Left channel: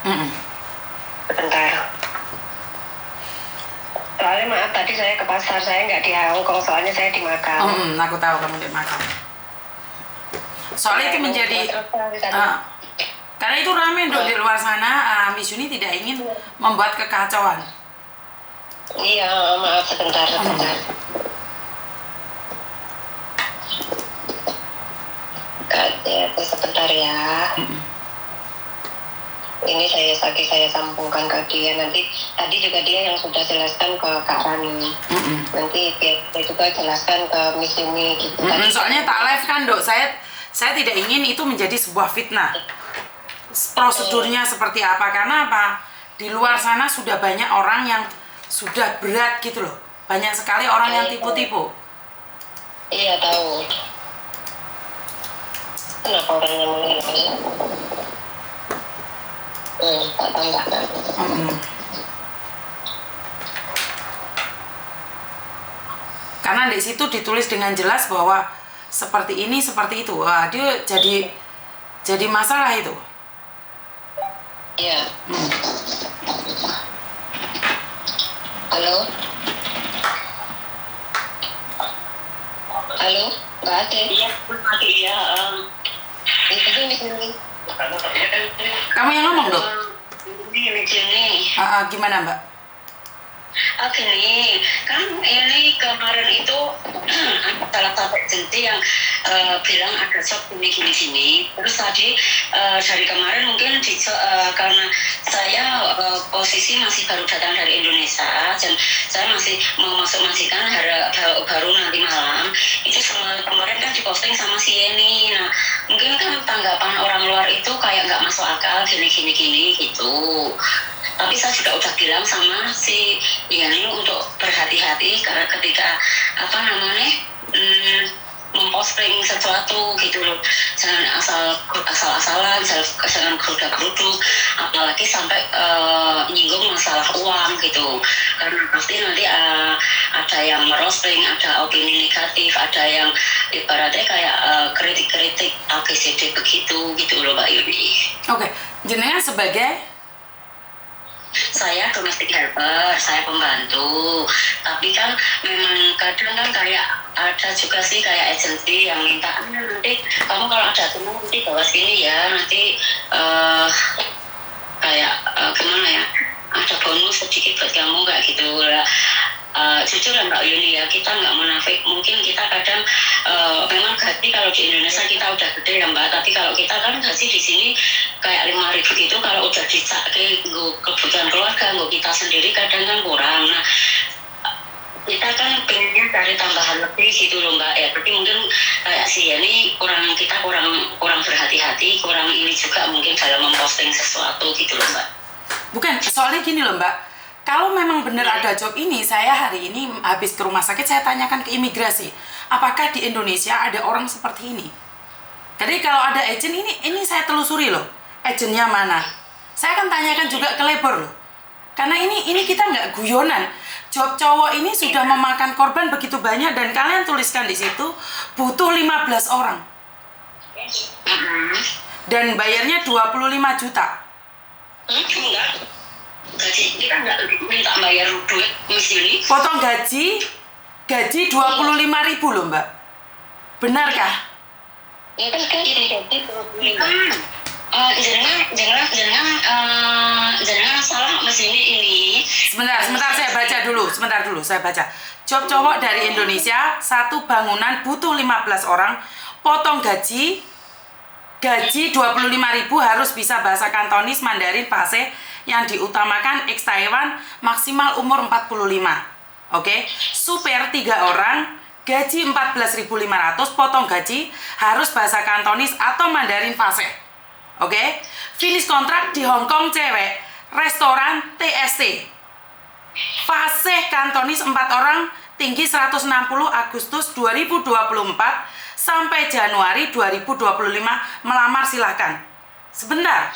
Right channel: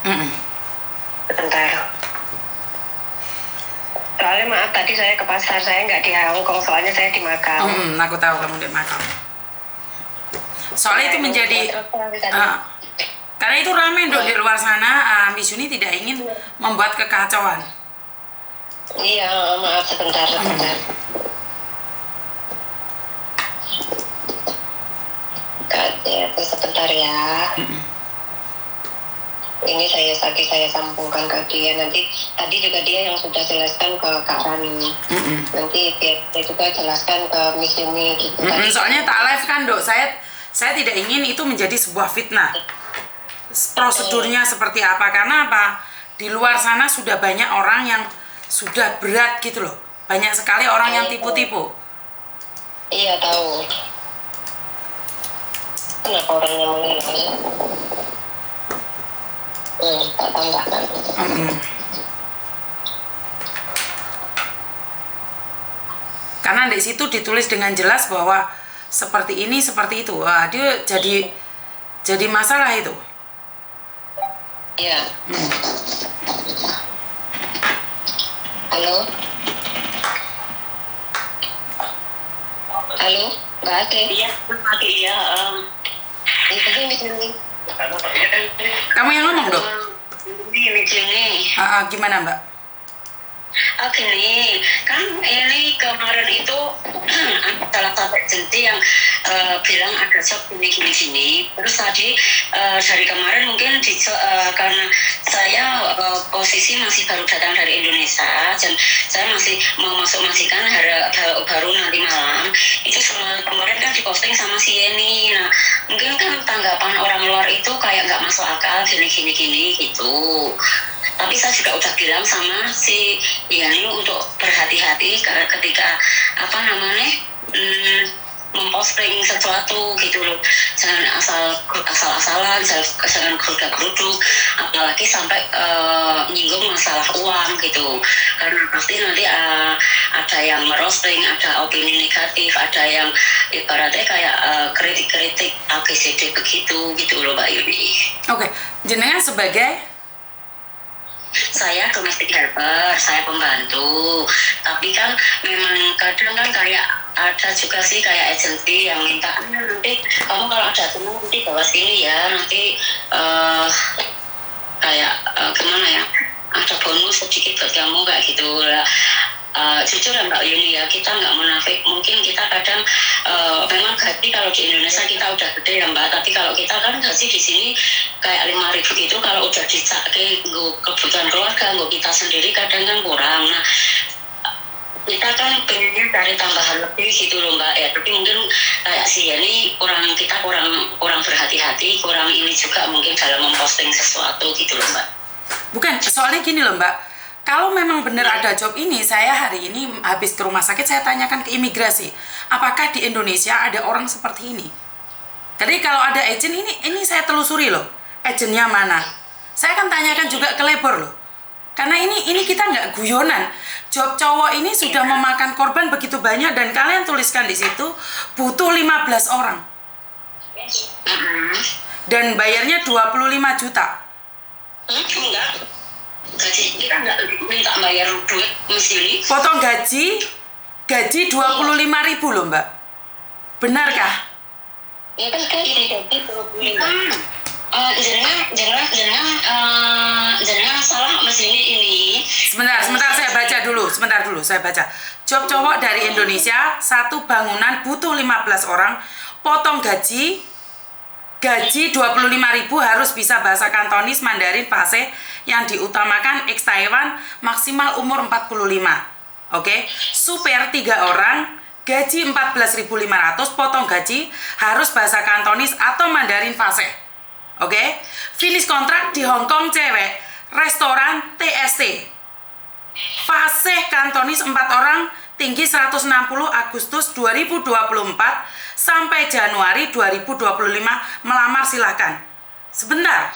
Mm-mm. Sebentar. Soalnya maaf tadi saya ke pasar, saya nggak di Hongkong, soalnya saya di Makau. Aku tahu kamu di Makau. Soalnya itu menjadi karena itu ramai dok di luar sana. Miss Yuni tidak ingin membuat kekacauan. Iya, maaf sebentar. Sebentar ya. Ini saya sambungkan ke dia nanti. Tadi juga dia yang sudah jelaskan ke Kak Rani. Nanti dia juga jelaskan ke Miss Yumi gitu. Soalnya tak live kan dok, saya tidak ingin itu menjadi sebuah fitnah. Prosedurnya seperti apa? Karena apa? Di luar sana sudah banyak orang yang sudah berat gitu loh. Banyak sekali orang yang tipu-tipu. Iya tahu. Kenapa orangnya meninggal? Tak tambahkan. Karena di situ ditulis dengan jelas bahwa seperti ini, seperti itu. Wah, dia jadi masalah itu. Iya. Halo? Halo? Nggak ada? Iya, iya. Itu Miss Yumi. Kamu yang ngomong dok? Gini. Gimana mbak? Gini, kan ini kemarin itu salah satu agensi yang bilang ada shop gini. Terus tadi dari kemarin mungkin karena saya posisi masih baru datang dari Indonesia dan saya masih mau masukkan baru nanti malam. Itu kemarin kan diposting sama si Yeni. Nah, mungkin kan tanggapan orang luar itu kayak nggak masuk akal gini gitu. Tapi saya juga udah bilang sama si Yani untuk berhati-hati karena ketika memposting sesuatu gitu loh, jangan asal-asalan, jangan geruduk, apalagi sampai nyinggung masalah uang gitu, karena pasti nanti ada yang merosting, ada opini negatif, ada yang ibaratnya kayak kritik-kritik ABCD begitu gitu loh Mbak Yuni. Oke, jenengan sebagai saya domestic helper, saya pembantu. Tapi kan memang kadang kan kayak ada juga sih kayak agensi yang minta nanti kamu kalau ada teman nanti bawa sini ya, nanti gimana ya, ada bonus sedikit buat kamu kayak gitu lah. Jujur ya Mbak Yuni ya, kita nggak munafik, mungkin kita kadang memang gaji kalau di Indonesia kita udah gede ya Mbak, tapi kalau kita kan gaji di sini kayak 5.000 itu kalau udah dicake kebutuhan keluarga, kita sendiri kadang kan kurang. Nah, kita kan pengennya cari tambahan lebih gitu loh Mbak ya, tapi mungkin kayak si Yeni kita kurang berhati-hati, kurang ini juga mungkin dalam memposting sesuatu gitu loh Mbak. Bukan, soalnya gini loh Mbak, kalau memang benar ada job ini, saya hari ini habis ke rumah sakit, saya tanyakan ke imigrasi, apakah di Indonesia ada orang seperti ini? Jadi kalau ada agent ini saya telusuri loh, agentnya mana? Saya akan tanyakan juga ke labor loh, karena ini kita nggak guyonan. Job cowok ini sudah memakan korban begitu banyak dan kalian tuliskan di situ butuh 15 orang. Dan bayarnya 25 juta. Enggak. Gaji kita nggak minta bayar duit Miss Yuni. Potong gaji 25.000 loh Mbak. Benarkah? Ya kan ini gaji 25. Jangan salah Miss Yuni ini. Sebentar saya baca. Job cowok dari Indonesia, satu bangunan butuh 15 orang, potong gaji 25.000 harus bisa bahasa Kantonis, Mandarin, Bahasa yang diutamakan ex Taiwan, maksimal umur 45. Oke. Super 3 orang, gaji 14.500, potong gaji harus bahasa Kantonis atau Mandarin Bahasa. Oke. Finish kontrak di Hong Kong cewek, restoran TST. Fase Kantonis 4 orang, tinggi 160 Agustus 2024 sampai Januari 2025, melamar silahkan. Sebentar,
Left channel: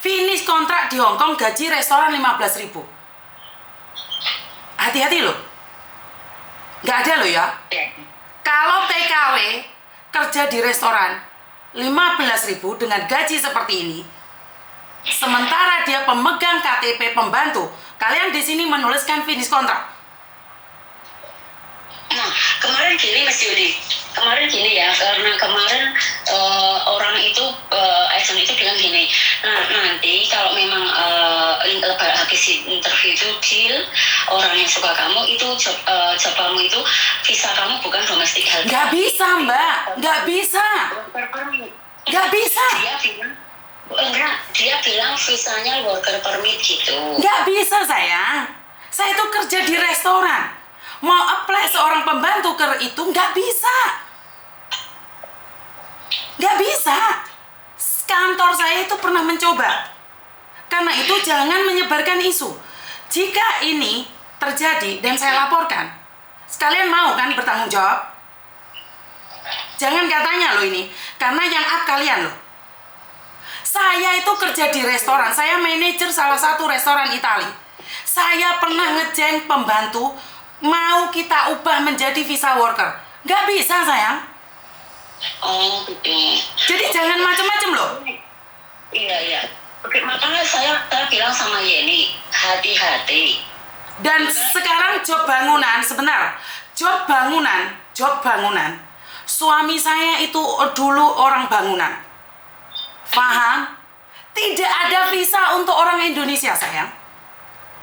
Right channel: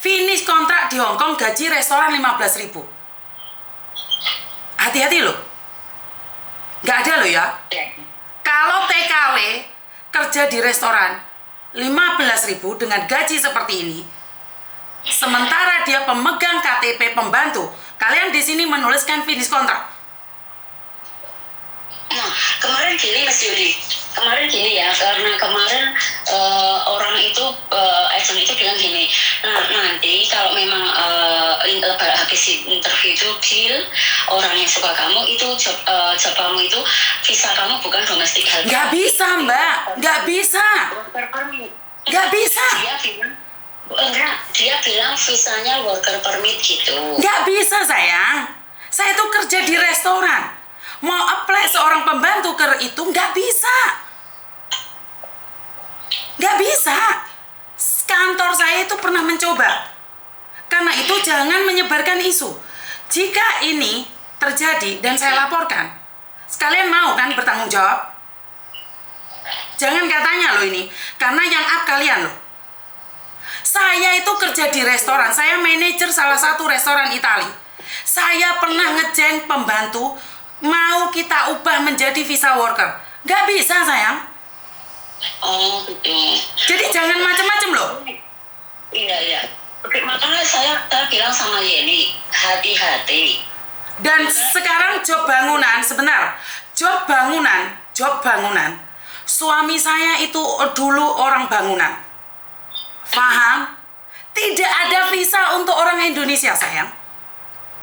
finish kontrak di Hong Kong, gaji restoran 15.000. Hati-hati loh, nggak ada loh ya. Kalau TKW kerja di restoran 15.000 dengan gaji seperti ini, sementara dia pemegang KTP pembantu, kalian di sini menuliskan finish kontrak. Nah, kemarin gini Mas Yuli, kemarin gini ya, karena kemarin orang itu, agent itu bilang gini, nah nanti kalau memang habis interview itu deal, orang yang suka kamu itu job kamu itu visa kamu bukan domestic helper. Nggak bisa Mbak, nggak bisa. Nggak bisa. Dia bilang visanya worker permit gitu. Nggak bisa sayang. Saya itu kerja di restoran. Mau apply seorang pembantu itu nggak bisa. Nggak bisa. Kantor saya itu pernah mencoba. Karena itu jangan menyebarkan isu. Jika ini terjadi dan saya laporkan, sekalian mau kan bertanggung jawab? Jangan katanya loh ini, karena yang up kalian loh. Saya itu kerja di restoran, saya manajer salah satu restoran Italia. Saya pernah ngejeng pembantu, mau kita ubah menjadi visa worker. Nggak bisa sayang. Oh gitu. Jadi jangan macam-macam loh. Iya. Oke, makanya saya bilang sama Yeni, hati-hati. Dan sekarang job bangunan, sebentar. Job bangunan. Suami saya itu dulu orang bangunan. Paham? Tidak ada visa untuk orang Indonesia, sayang.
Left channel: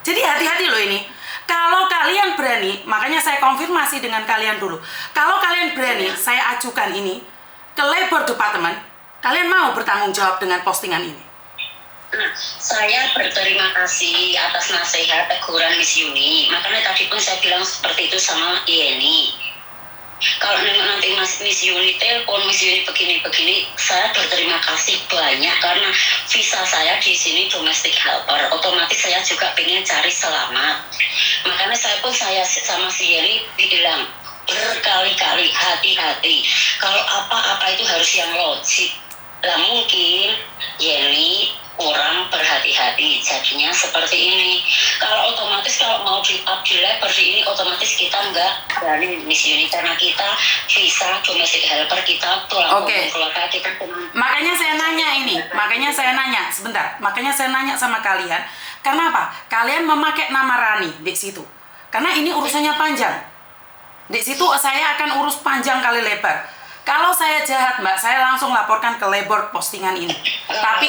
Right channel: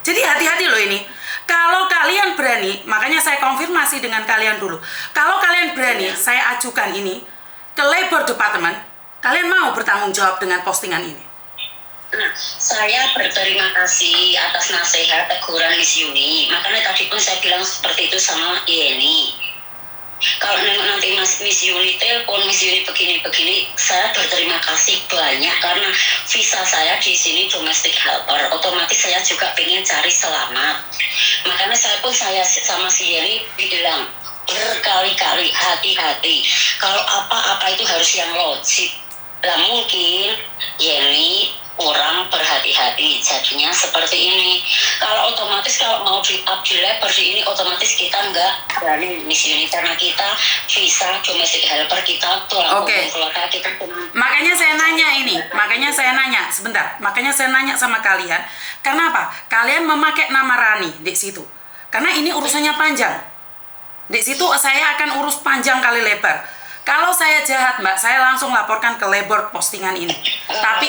Jadi hati-hati loh ini. Kalau kalian berani, makanya saya konfirmasi dengan kalian dulu. Kalau kalian berani, saya ajukan ini ke Labor Department. Kalian mau bertanggung jawab dengan postingan ini? Nah, saya berterima kasih atas nasihat teguran Miss Yuni. Makanya tadi pun saya bilang seperti itu sama Yeni. Kalau nanti Miss Yuni telepon, Miss Yuni begini-begini, saya berterima kasih banyak karena visa saya di sini domestic helper. Otomatis saya juga pengen cari selamat. Makanya saya sama si Yeni bilang berkali-kali hati-hati. Kalau apa-apa itu harus yang logik. Lah mungkin Yeni kurang berhati-hati, jadinya seperti ini. Kalau otomatis kalau mau di-up di labor ini, otomatis kita nggak berani Miss Yuni karena kita visa domestic helper, kita tulang punggung keluarga kita. Makanya saya nanya ini, makanya saya nanya sama kalian, karena apa? Kalian memakai nama Rani di situ, karena ini urusannya panjang. Di situ saya akan urus panjang kali lebar. Kalau saya jahat Mbak, saya langsung laporkan ke labor postingan ini. Tapi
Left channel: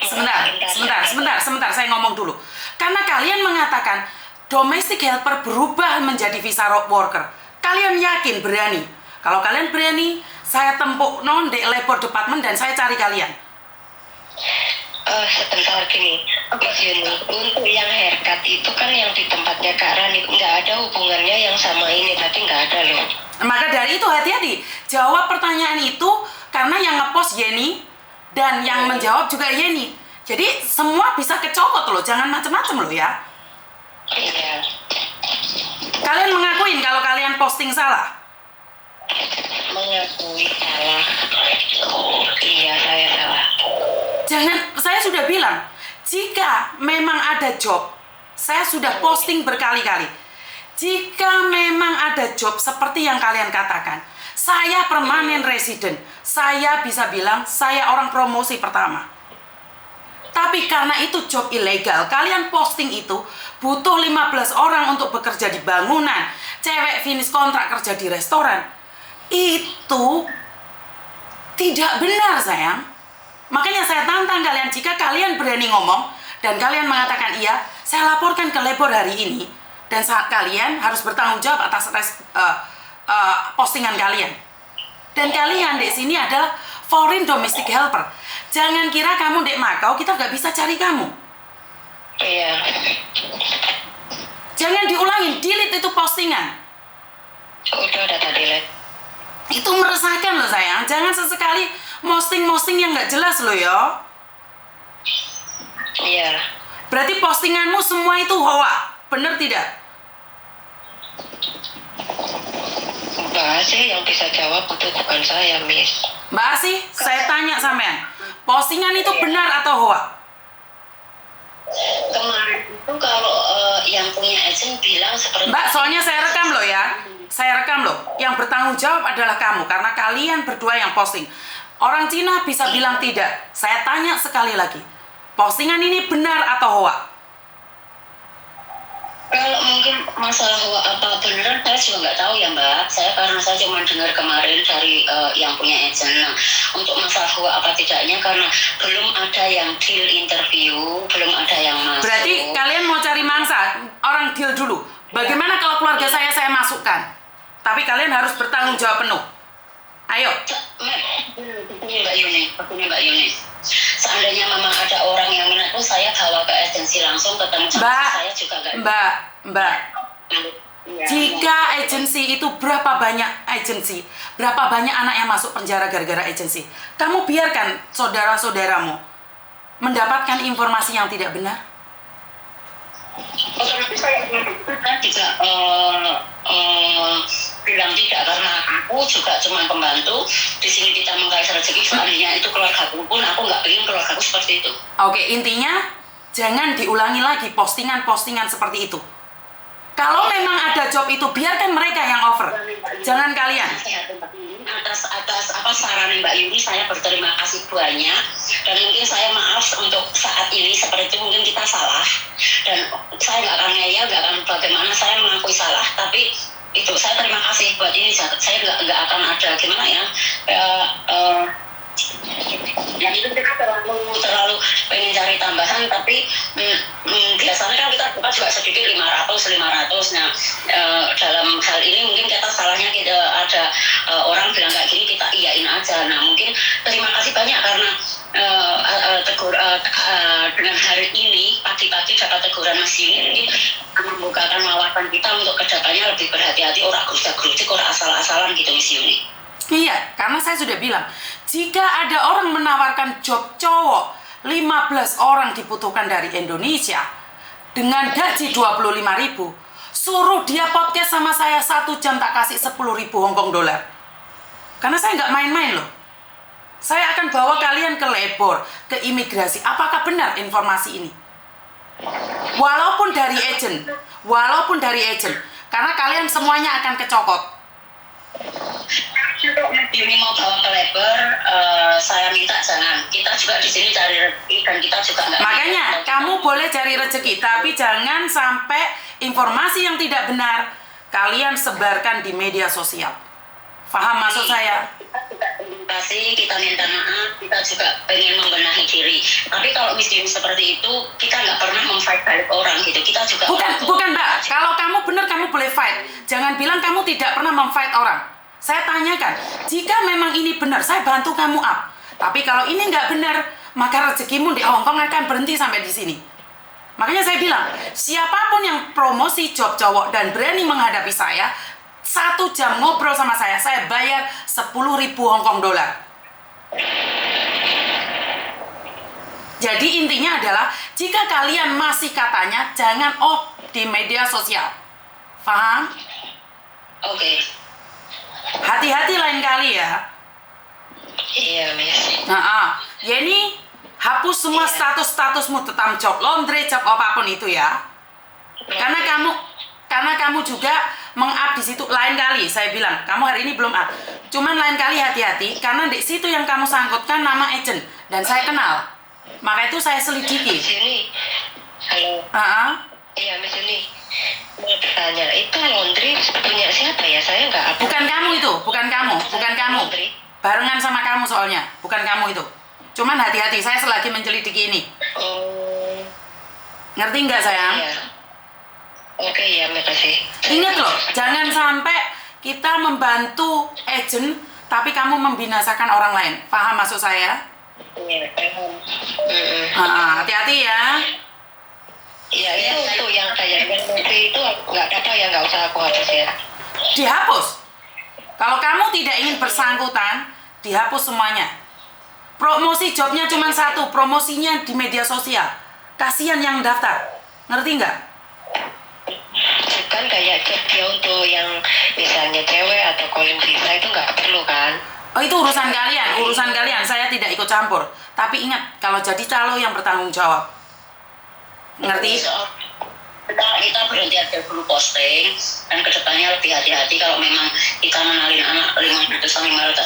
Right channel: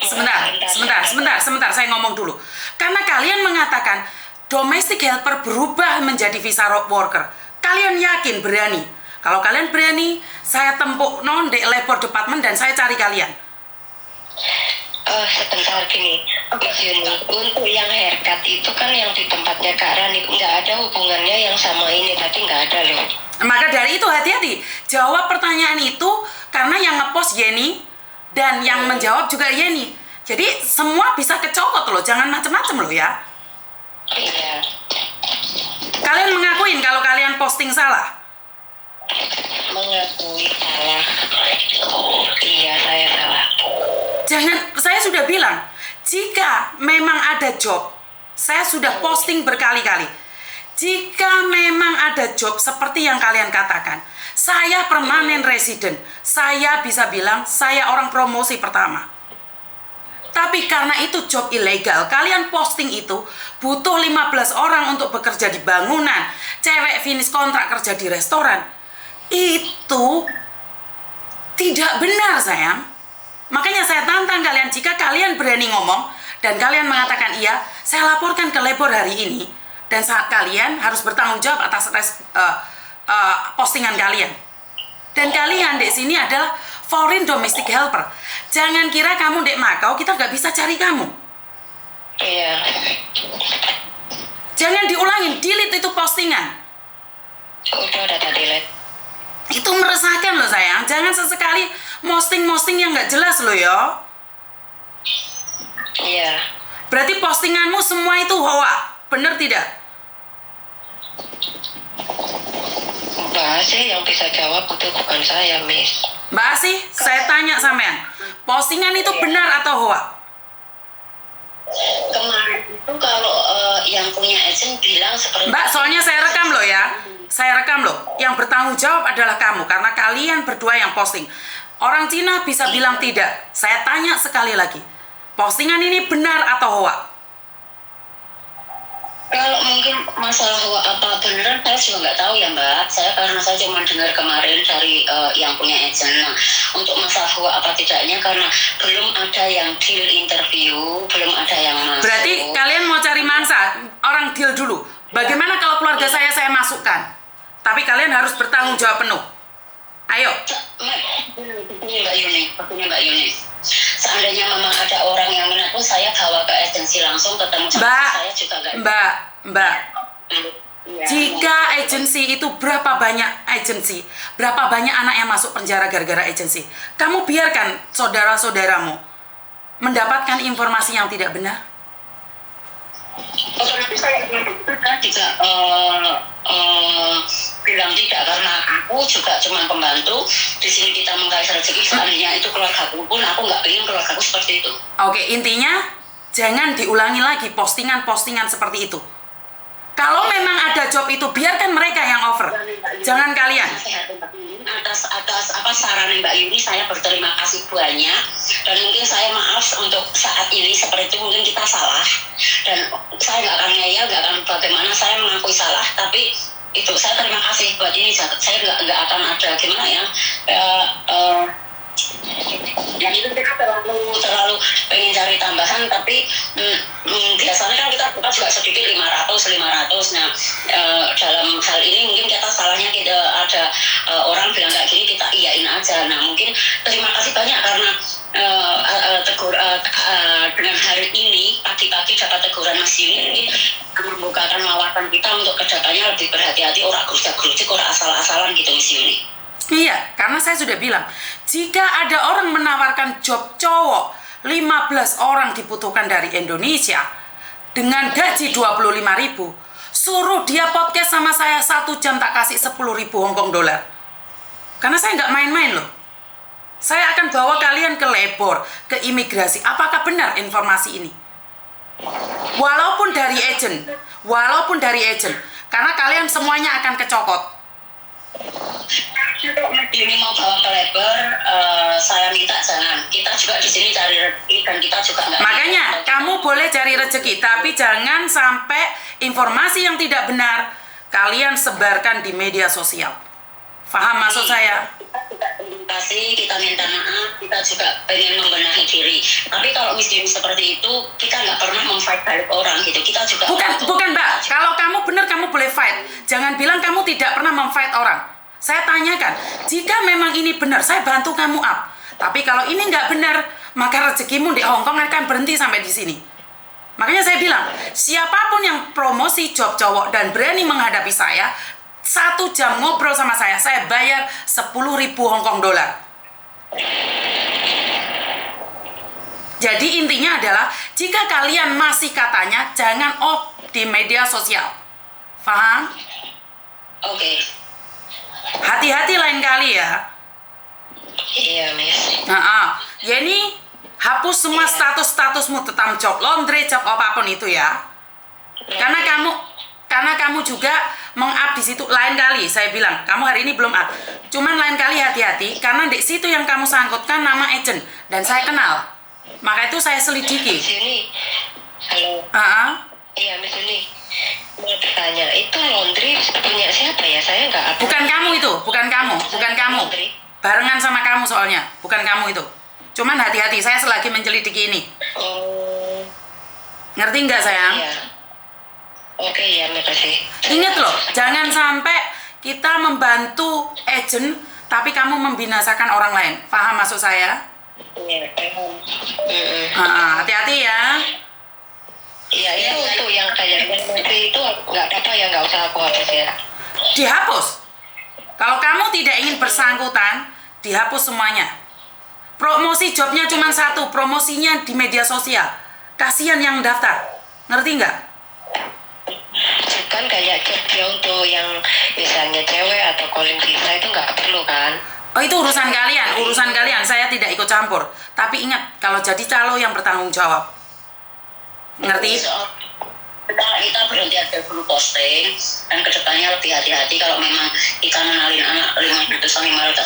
sebentar, saya ngomong dulu. Karena kalian mengatakan domestic helper berubah menjadi visa worker. Kalian yakin berani? Kalau kalian berani, saya tempuk di labor department dan saya cari kalian. Sebentar gini, untuk yang haircut itu kan yang di tempatnya Kak Rani, nggak ada hubungannya yang sama ini, tadi nggak ada loh. Maka dari itu hati-hati, jawab pertanyaan itu karena yang ngepost Yeni dan yang menjawab juga Yeni. Jadi semua bisa kecokot loh, jangan macem-macem loh ya. Iya. Kalian mengakuin kalau kalian posting salah? Mengakui salah. Iya, saya salah. Jangan, saya sudah bilang, jika memang ada job, saya sudah posting berkali-kali. Jika memang ada job seperti yang kalian katakan, saya permanen resident, saya bisa bilang saya orang promosi pertama. Tapi karena itu job ilegal, kalian posting itu butuh 15 orang untuk bekerja di bangunan, cewek finish kontrak kerja di restoran. Itu tidak benar sayang. Makanya saya tantang kalian, jika kalian berani ngomong dan kalian mengatakan iya, saya laporkan ke labor hari ini. Dan saat kalian harus bertanggung jawab atas postingan kalian. Dan kalian di sini adalah foreign domestic helper. Jangan kira kamu di Makau kita nggak bisa cari kamu. Iya. Jangan diulangin, delete itu postingan. Udah delete. Itu meresahkan loh sayang. Jangan sesekali posting yang nggak jelas loh ya. Iya. Berarti postinganmu semua itu hoa, bener tidak? Mbak Asih yang bisa jawab itu bukan saya, Miss. Mbak Asih, saya tanya sampean, postingan itu benar atau hoa? Kemarin itu kalau yang punya agent bilang seperti Mbak, soalnya saya rekam loh ya. Saya rekam loh. Yang bertanggung jawab adalah kamu, karena kalian berdua yang posting. Orang Cina bisa bilang tidak. Saya tanya sekali lagi. postingan ini benar atau hoax? Kalau mungkin masalah apa beneran saya juga nggak tahu ya Mbak. Karena saya cuma dengar kemarin dari yang punya agent. Nah, untuk masalah apa tidaknya karena belum ada yang deal interview, belum ada yang masuk. Berarti kalian mau cari mangsa, orang deal dulu. Bagaimana kalau keluarga saya masukkan? Tapi kalian harus bertanggung jawab penuh. Ayo. Mbak Yuni. Seandainya memang ada orang yang minat pun saya bawa ke agensi langsung ketemu sama saya juga nggak. Mbak. Jika agensi itu berapa banyak agensi, berapa banyak anak yang masuk penjara gara-gara agensi? Kamu biarkan saudara-saudaramu mendapatkan informasi yang tidak benar? Otomatis saya juga bilang tidak karena aku juga cuma pembantu di sini kita mengais rezeki seandainya itu keluargaku pun aku nggak ingin keluargaku seperti itu. Oke, intinya jangan diulangi lagi postingan-postingan seperti itu. Kalau memang ada job itu biarkan mereka yang offer, jangan kalian. Atas apa saran Mbak Yuni saya berterima kasih banyak dan mungkin saya maaf untuk saat ini seperti itu mungkin kita salah dan saya nggak akan ngeyel, nggak akan bagaimana saya mengakui salah tapi itu saya terima kasih buat ini saya nggak akan ada gimana ya yang itu kita terlalu pengen cari tambahan tapi biasanya kan kita buka juga sedikit 500 nah dalam hal ini mungkin kita salahnya kita ada orang bilang kayak gini kita iyain aja. Nah mungkin terima kasih banyak karena dengan hari ini pagi-pagi dapat teguran Mas Yuni membukakan wawasan kita untuk kedepannya lebih berhati-hati orang gerujak-gerujik orang asal-asalan gitu Mas Yuni. Iya, karena saya sudah bilang, jika ada orang menawarkan job cowok, 15 orang dibutuhkan dari Indonesia, dengan gaji 25.000, suruh dia podcast sama saya 1 jam tak kasih 10.000 Hongkong dolar. Karena saya nggak main-main loh. Saya akan bawa kalian ke labor, ke imigrasi. Apakah benar informasi ini? Walaupun dari agent, karena kalian semuanya akan kecokot. Kalau Yuni mau bawa ke labor, saya minta jangan. Kita juga di sini cari rezeki dan kita juga nggak. Makanya kamu boleh cari rezeki, tapi jangan sampai informasi yang tidak benar kalian sebarkan di media sosial. Paham maksud saya? Kita minta maaf, kita juga pengen membenahi diri. Tapi kalau miskin seperti itu, kita nggak pernah memfight balik orang gitu. Kita juga bukan Mbak. Kalau kamu benar kamu boleh fight. Jangan bilang kamu tidak pernah memfight orang. Saya tanyakan, jika memang ini benar, saya bantu kamu up. Tapi kalau ini nggak benar, maka rezekimu di Hongkong akan berhenti sampai di sini. Makanya saya bilang, siapapun yang promosi job cowok dan berani menghadapi saya, 1 jam ngobrol sama saya bayar 10.000 Hongkong dolar. Jadi intinya adalah, jika kalian masih katanya, jangan off di media sosial. Paham? Oke. Hati-hati lain kali ya. Iya, Miss. Ya ini hapus semua status-statusmu tentang job laundry, job apapun itu ya. Karena kamu juga meng-up di situ. Lain kali saya bilang, kamu hari ini belum up. Cuman lain kali hati-hati karena di situ yang kamu sangkutkan nama agent dan saya kenal. Maka itu saya selidiki. Miss Yuni. Halo. Iya, Miss Yuni. Mau tanya, itu laundry punya siapa ya? Saya nggak ada. Bukan kamu itu, bukan kamu. Barengan sama kamu soalnya, bukan kamu itu. Cuman hati-hati, saya selagi menyelidiki ini. Oh. Ngerti nggak sayang? Iya. Oke ya, makasih. Ingat loh, jangan sampai kita membantu agent, tapi kamu membinasakan orang lain. Paham maksud saya? Iya, paham. Hati-hati ya. Iya, itu yang kayak menteri itu nggak apa-apa ya, nggak usah aku hapus ya. Dihapus. Kalau kamu tidak ingin bersangkutan, dihapus semuanya. Promosi jobnya cuma 1, promosinya di media sosial. Kasihan yang daftar. Ngerti nggak? Kan kayak job untuk yang misalnya cewek atau calling visa itu nggak perlu kan? Oh itu urusan kalian. Saya tidak ikut campur. Tapi ingat, kalau jadi calo yang bertanggung jawab. Ngerti? kita berhenti aja dulu posting, dan kedepannya lebih hati-hati kalau memang kita menalin anak 500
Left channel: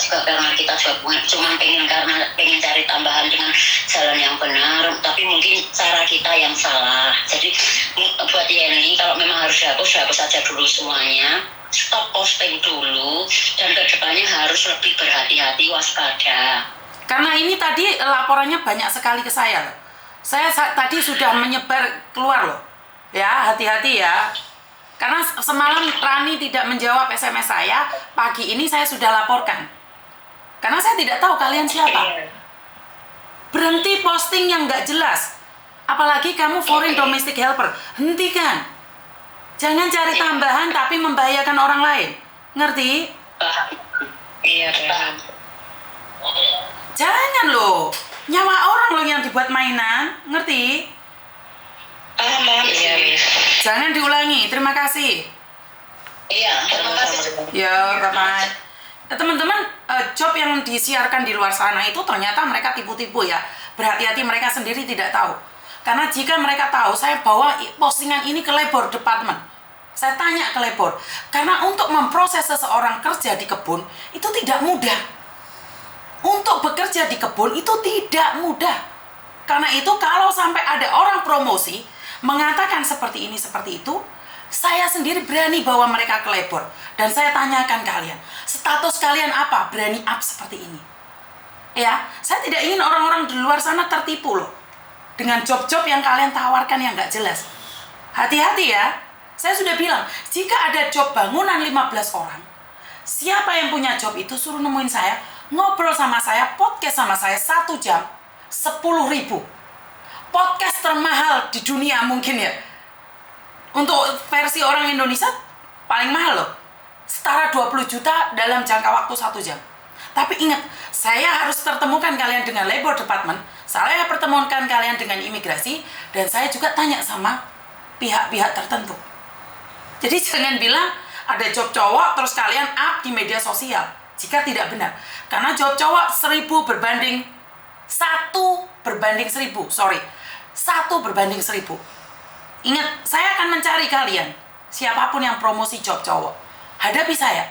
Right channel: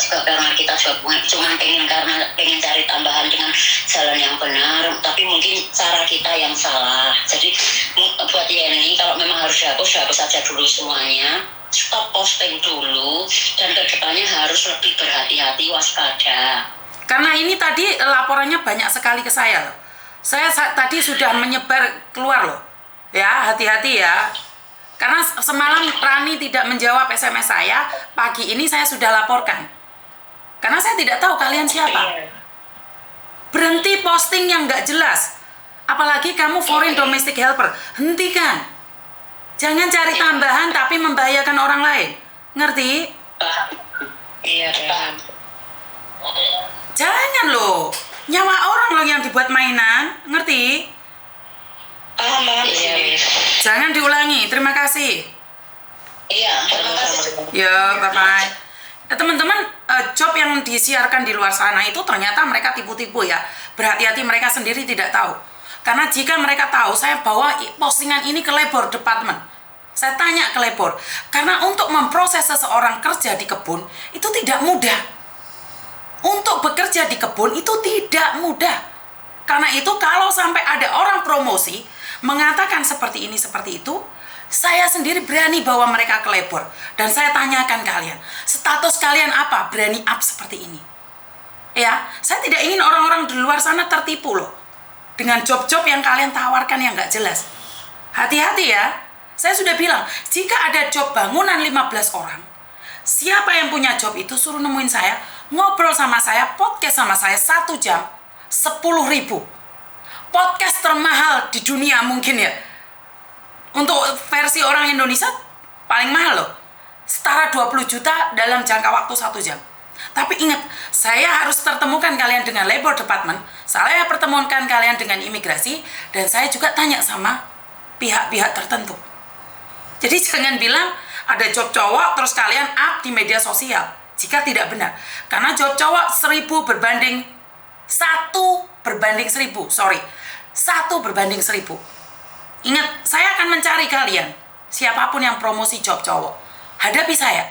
juga, karena kita juga cuma pengen cari tambahan dengan jalan yang benar, tapi mungkin cara kita yang salah. Jadi buat Yeni, kalau memang harus hapus saja dulu semuanya, stop posting dulu, dan kedepannya harus lebih berhati-hati, waspada. Karena ini tadi laporannya banyak sekali ke saya loh. Saya tadi sudah menyebar keluar loh. Ya, hati-hati ya. Karena semalam Rani tidak menjawab SMS saya, pagi ini saya sudah laporkan. Karena saya tidak tahu kalian siapa. Berhenti posting yang nggak jelas. Apalagi kamu foreign domestic helper. Hentikan. Jangan cari tambahan tapi membahayakan orang lain. Ngerti? Iya, paham. Jangan loh. Nyawa orang loh yang dibuat mainan. Ngerti? Paham. Iya. Jangan diulangi. Terima kasih. Iya, terima kasih. Ya, bye-bye. Teman-teman, job yang disiarkan di luar sana itu ternyata mereka tipu-tipu ya. Berhati-hati, mereka sendiri tidak tahu. Karena jika mereka tahu, saya bawa postingan ini ke labor department. Saya tanya ke labor. Karena untuk memproses seseorang kerja di kebun, itu tidak mudah. Untuk bekerja di kebun itu tidak mudah. Karena itu kalau sampai ada orang promosi mengatakan seperti ini, seperti itu, saya sendiri berani bawa mereka ke labor. Dan saya tanyakan kalian, status kalian apa berani up seperti ini? Ya, saya tidak ingin orang-orang di luar sana tertipu loh. Dengan job-job yang kalian tawarkan yang nggak jelas. Hati-hati ya. Saya sudah bilang, jika ada job bangunan 15 orang, siapa yang punya job itu suruh nemuin saya, ngobrol sama saya, podcast sama saya 1 jam, 10.000. Podcast termahal di dunia mungkin ya. Untuk versi orang Indonesia paling mahal loh. Setara 20 juta dalam jangka waktu 1 jam. Tapi ingat, saya harus pertemukan kalian dengan labor department, saya pertemukan kalian dengan imigrasi, dan saya juga tanya sama pihak-pihak tertentu. Jadi jangan bilang ada job cowok terus kalian up di media sosial. Jika tidak benar. Karena job cowok 1 berbanding 1 Ingat, saya akan mencari kalian. Siapapun yang promosi job cowok. Hadapi saya.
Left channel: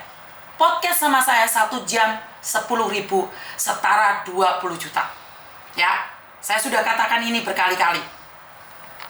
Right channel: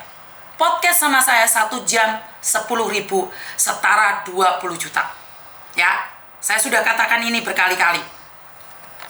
Podcast sama saya 1 jam 10.000 setara 20 juta. Ya, saya sudah katakan ini berkali-kali.